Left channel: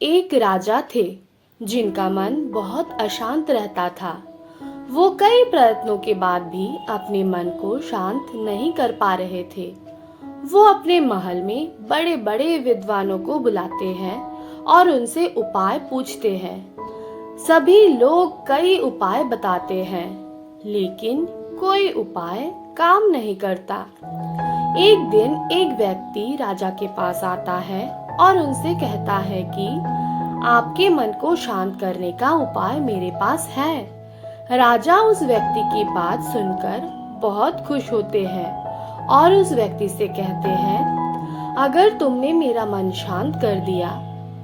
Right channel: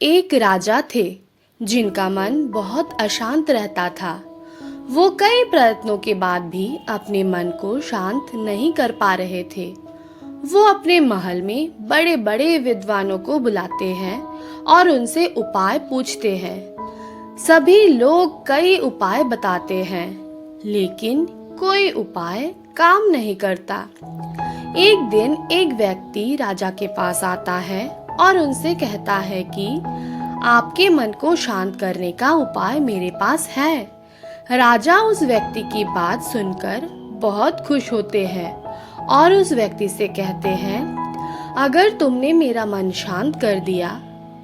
एक राजा थे जिनका मन बहुत अशांत रहता था। वो कई प्रयत्नों के बाद भी अपने मन को शांत नहीं कर पा रहे थे। वो अपने महल में बड़े बड़े विद्वानों को बुलाते हैं और उनसे उपाय पूछते हैं। सभी लोग कई उपाय बताते हैं, लेकिन कोई उपाय काम नहीं करता। एक दिन एक व्यक्ति राजा के पास आता है और उनसे कहता है कि आपके मन को शांत करने का उपाय मेरे पास है। राजा उस व्यक्ति की बात सुनकर बहुत खुश होते हैं और उस व्यक्ति से कहते हैं, अगर तुमने मेरा मन शांत कर दिया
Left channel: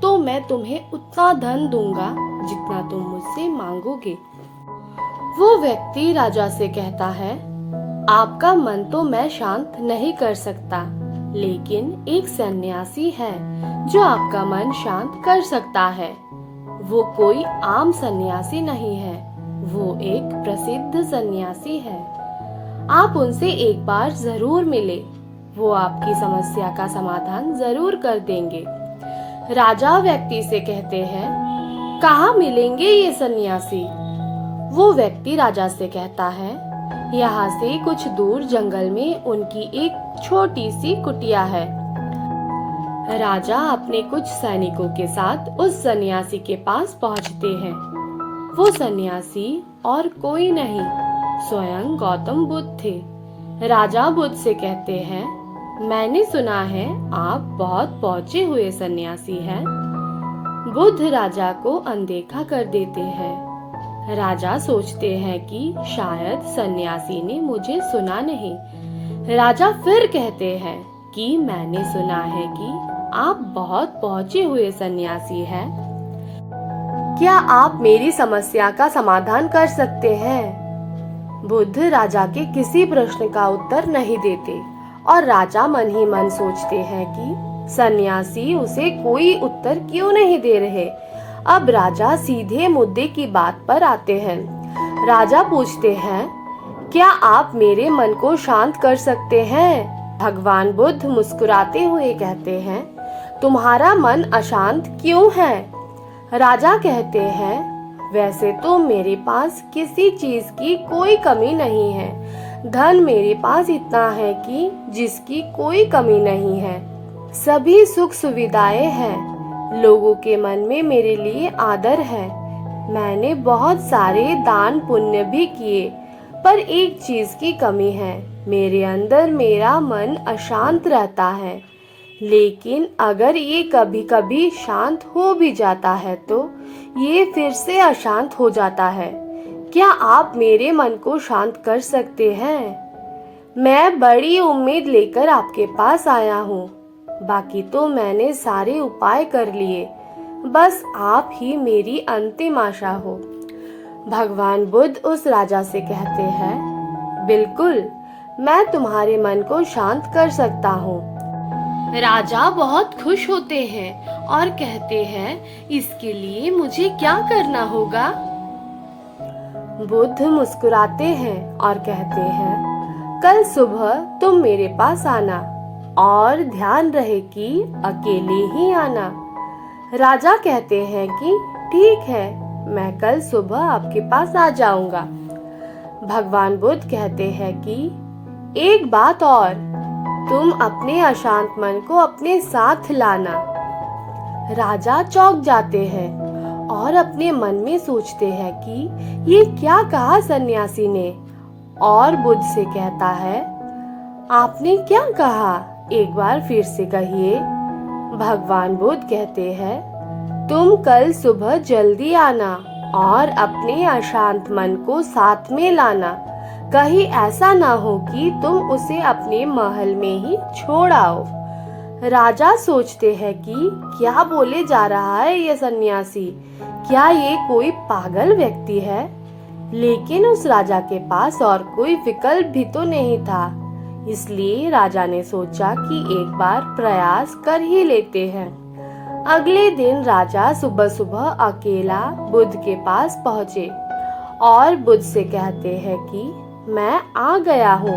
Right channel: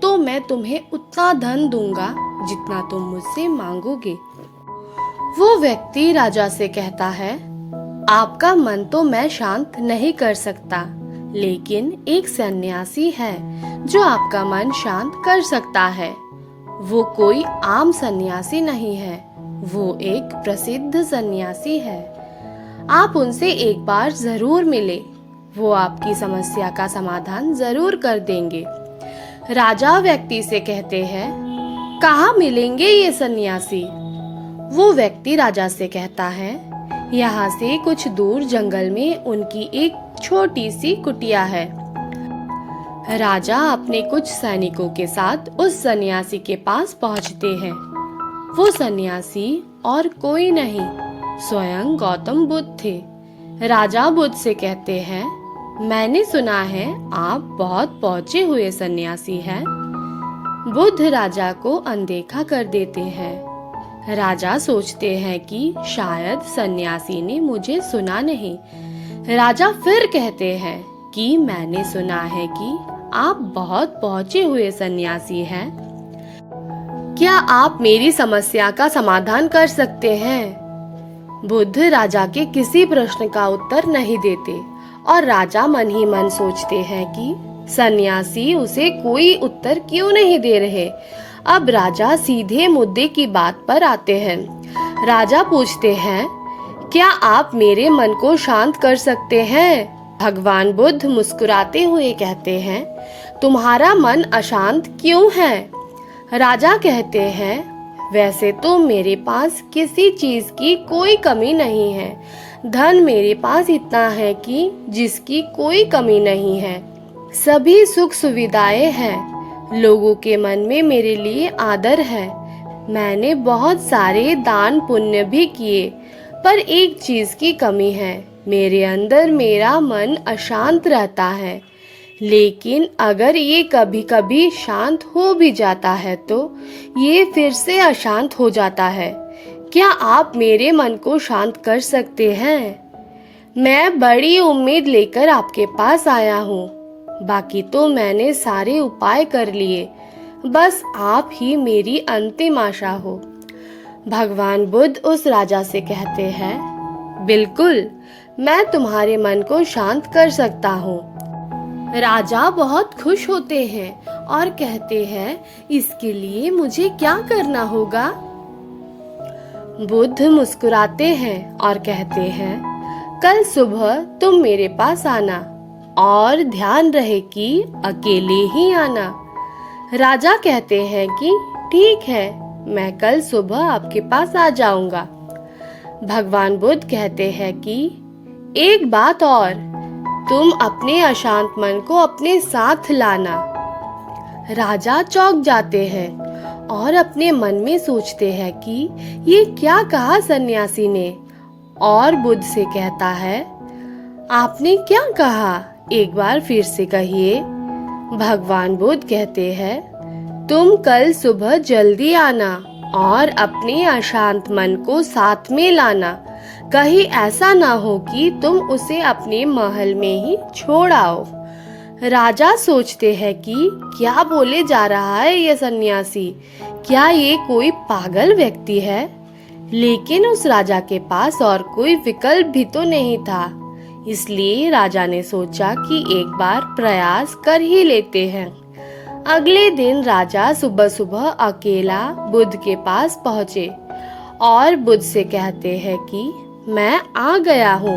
तो मैं तुम्हें उतना धन दूंगा जितना तुम मुझसे मांगोगे। वो व्यक्ति राजा से कहता है, आपका मन तो मैं शांत नहीं कर सकता, लेकिन एक सन्यासी है जो आपका मन शांत कर सकता है। वो कोई आम सन्यासी नहीं है, वो एक प्रसिद्ध सन्यासी है। आप उनसे एक बार जरूर मिले, वो आपकी समस्या का समाधान जरूर कर देंगे। राजा व्यक्ति से कहते हैं, कहाँ मिलेंगे ये सन्यासी? वो व्यक्ति राजा से कहता है, यहाँ से कुछ दूर जंगल में उनकी एक छोटी सी कुटिया है। राजा अपने कुछ सैनिकों के साथ उस सन्यासी के पास पहुँचते हैं। वो सन्यासी और कोई नहीं, स्वयं गौतम बुद्ध थे। राजा बुद्ध से कहते हैं, मैंने सुना है आप बहुत पहुंचे हुए सन्यासी हैं। बुद्ध राजा को अनदेखा कर देते हैं। राजा सोचते हैं कि शायद सन्यासी ने मुझे सुना नहीं। राजा फिर कहते हैं कि मैंने सुना है कि आप बहुत पहुंचे हुए सन्यासी हैं। क्या आप मेरी समस्या का समाधान कर सकते हैं? बुद्ध राजा के किसी प्रश्न का उत्तर नहीं देते और राजा मन ही मन सोचते हैं कि सन्यासी उसे कोई उत्तर क्यों नहीं दे रहे। अब राजा सीधे मुद्दे की बात पर आते हैं। राजा पूछते हैं, क्या आप मेरे मन को शांत कर सकते हैं? भगवान बुद्ध मुस्कुराते हुए कहते हैं, तुम्हारा मन अशांत क्यों है? राजा कहते हैं, वैसे तो मेरे पास किसी चीज की कोई कमी नहीं है। धन मेरे पास इतना है कि जिसकी कोई कमी नहीं है। सभी सुख सुविधाएं हैं। लोगों के मन में मेरे लिए आदर है। मैंने बहुत सारे दान पुण्य भी किए, पर एक चीज की कमी है, मेरे अंदर मेरा मन अशांत रहता है। लेकिन अगर ये कभी कभी शांत हो भी जाता है तो ये फिर से अशांत हो जाता है। क्या आप मेरे मन को शांत कर सकते हैं? मैं बड़ी उम्मीद लेकर आपके पास आया हूँ। बाकी तो मैंने सारे उपाय कर लिए, बस आप ही मेरी अंतिम आशा हो। भगवान बुद्ध उस राजा से कहते हैं, बिल्कुल, मैं तुम्हारे मन को शांत कर सकता हूँ। राजा बहुत खुश होते हैं और कहते हैं, इसके लिए मुझे क्या करना होगा? बुद्ध मुस्कुराते हैं और कहते हैं, कल सुबह तुम मेरे पास आना और ध्यान रहे कि अकेले ही आना। राजा कहते हैं कि ठीक है, मैं कल सुबह आपके पास आ जाऊंगा। भगवान बुद्ध कहते हैं कि एक बात और, तुम अपने अशांत मन को अपने साथ लाना। राजा चौंक जाते हैं और अपने मन में सोचते हैं कि ये क्या कहा सन्यासी ने, और बुद्ध से कहता है, आपने क्या कहा? एक बार फिर से कहिए। भगवान बुद्ध कहते हैं, तुम कल सुबह जल्दी आना और अपने अशांत मन को साथ में लाना। कहीं ऐसा ना हो कि तुम उसे अपने महल में ही छोड़ आओ। राजा सोचते हैं कि क्या बोले जा रहा है ये सन्यासी, क्या ये कोई पागल व्यक्ति है? लेकिन उस राजा के पास और कोई विकल्प भी तो नहीं था, इसलिए राजा ने सोचा कि एक बार प्रयास कर ही लेते हैं। अगले दिन राजा सुबह सुबह अकेला बुद्ध के पास पहुँचे और बुद्ध से कहते हैं कि मैं आ गया हूँ।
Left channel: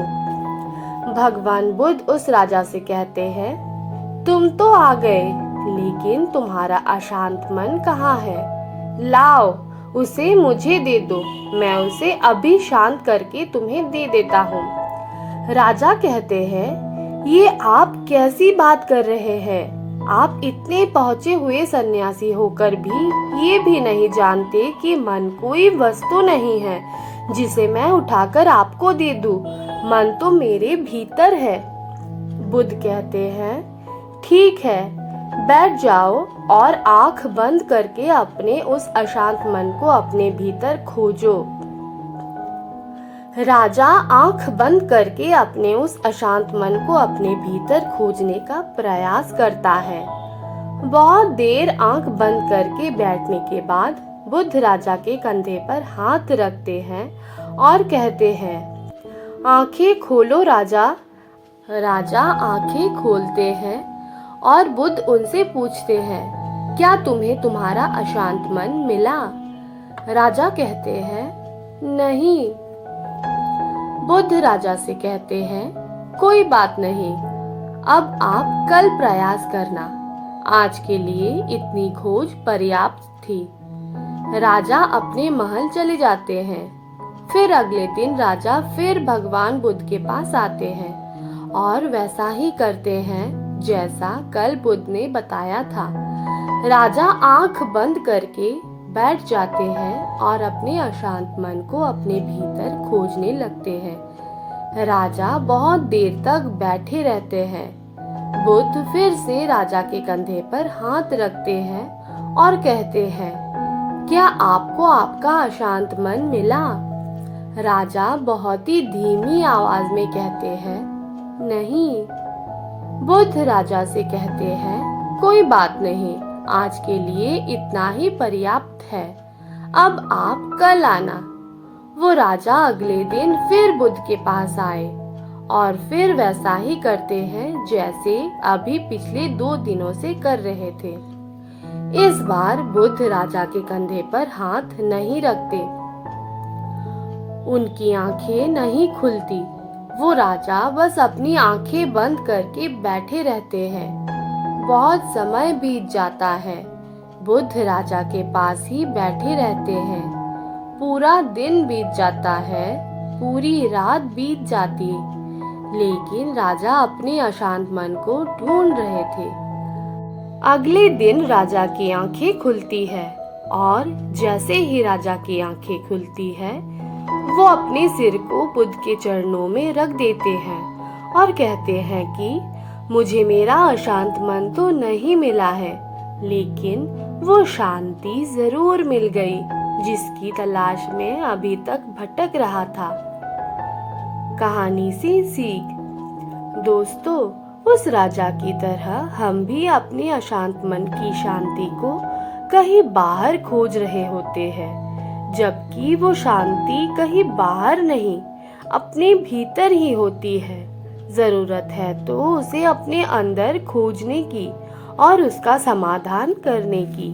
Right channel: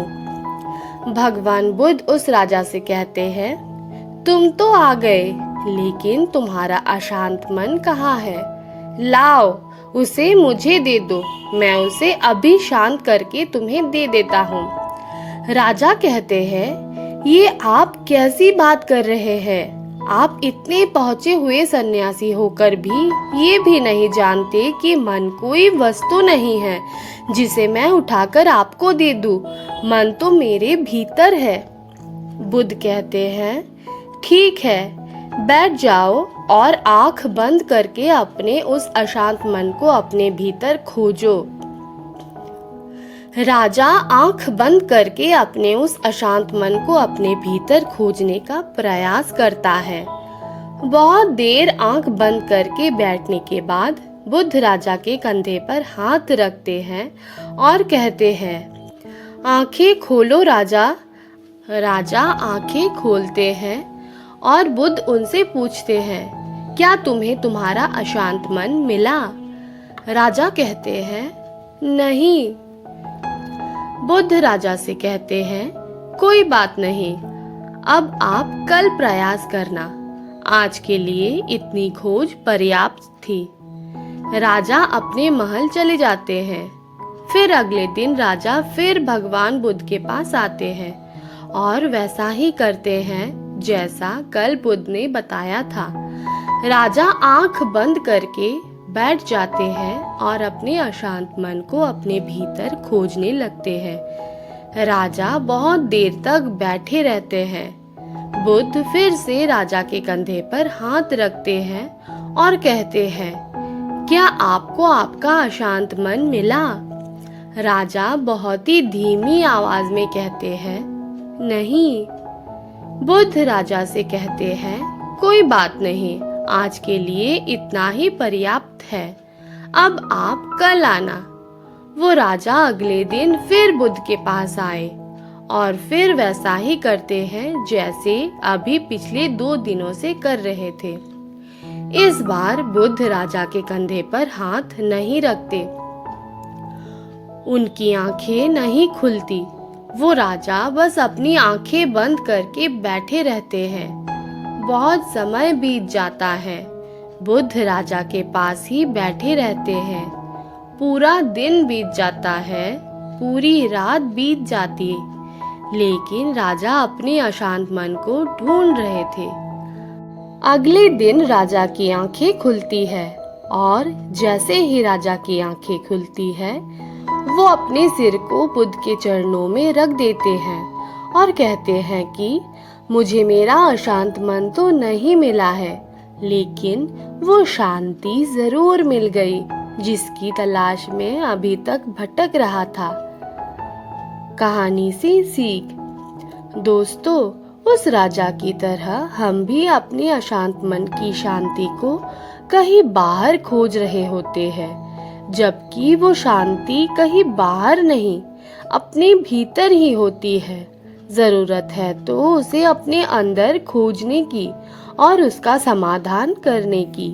भगवान बुद्ध उस राजा से कहते हैं, तुम तो आ गए, लेकिन तुम्हारा अशांत मन कहाँ है? लाओ, उसे मुझे दे दो, मैं उसे अभी शांत करके तुम्हें दे देता हूँ। राजा कहते हैं, ये आप कैसी बात कर रहे हैं? आप इतने पहुंचे हुए सन्यासी होकर भी ये भी नहीं जानते कि मन कोई वस्तु नहीं है जिसे मैं उठाकर आपको दे दूं। मन तो मेरे भीतर है। बुद्ध कहते हैं, ठीक है, बैठ जाओ और आंख बंद करके अपने उस अशांत मन को अपने भीतर खोजो। राजा आंख बंद करके अपने उस अशांत मन को अपने भीतर खोजने का प्रयास करता है। बहुत देर आंख बंद करके बैठने के बाद बुद्ध राजा के कंधे पर हाथ रखते हैं और कहते हैं, आंखें खोलो राजा। राजा आंखें खोलते हैं और बुद्ध उनसे पूछते हैं, क्या तुम्हें तुम्हारा अशांत मन मिला? राजा कहते हैं, नहीं। बुद्ध राजा से कहते हैं, कोई बात नहीं, अब आप कल प्रयास करना, आज के लिए इतनी खोज पर्याप्त थी। राजा अपने महल चले जाते हैं। फिर अगले दिन राजा फिर भगवान बुद्ध के पास आते हैं और वैसा ही करते हैं जैसा कल बुद्ध ने बताया था। राजा आंख बंद करके बैठ जाते हैं और अपने अशांत मन को अपने भीतर खोजने लगते हैं। राजा बहुत देर तक बैठे रहते हैं। बुद्ध फिर से राजा के कंधे पर हाथ रखते हैं और कहते हैं, क्या आपको आपका अशांत मन मिला? राजा बहुत ही धीमी आवाज में कहते हैं, नहीं। बुद्ध राजा से कहते हैं, कोई बात नहीं, आज के लिए इतना ही पर्याप्त है, अब आप कल आना। वो राजा अगले दिन फिर बुद्ध के पास आए और फिर वैसा ही करते हैं जैसे अभी पिछले 2 दिनों से कर रहे थे। इस बार बुद्ध राजा के कंधे पर हाथ नहीं रखते। उनकी आंखें नहीं खुलती। वो राजा बस अपनी आंखें बंद करके बैठे रहते हैं। बहुत समय बीत जाता है। बुद्ध राजा के पास ही बैठे रहते हैं। पूरा दिन बीत जाता है, पूरी रात बीत जाती, लेकिन राजा अपने अशांत मन को ढूंढ रहे थे। अगले दिन राजा की आंखें खुलती है और जैसे ही राजा की आंखें खुलती है, वो अपने सिर को बुद्ध के चरणों में रख देते हैं और कहते हैं कि मुझे मेरा अशांत मन तो नहीं मिला है, लेकिन वो शांति जरूर मिल गई जिसकी तलाश में अभी तक भटक रहा था। कहानी से सीख। दोस्तों, उस राजा की तरह हम भी अपने अशांत मन की शांति को कहीं बाहर खोज रहे होते हैं, जबकि वो शांति कहीं बाहर नहीं, अपने भीतर ही होती है। जरूरत है तो उसे अपने अंदर खोजने की और उसका समाधान करने की।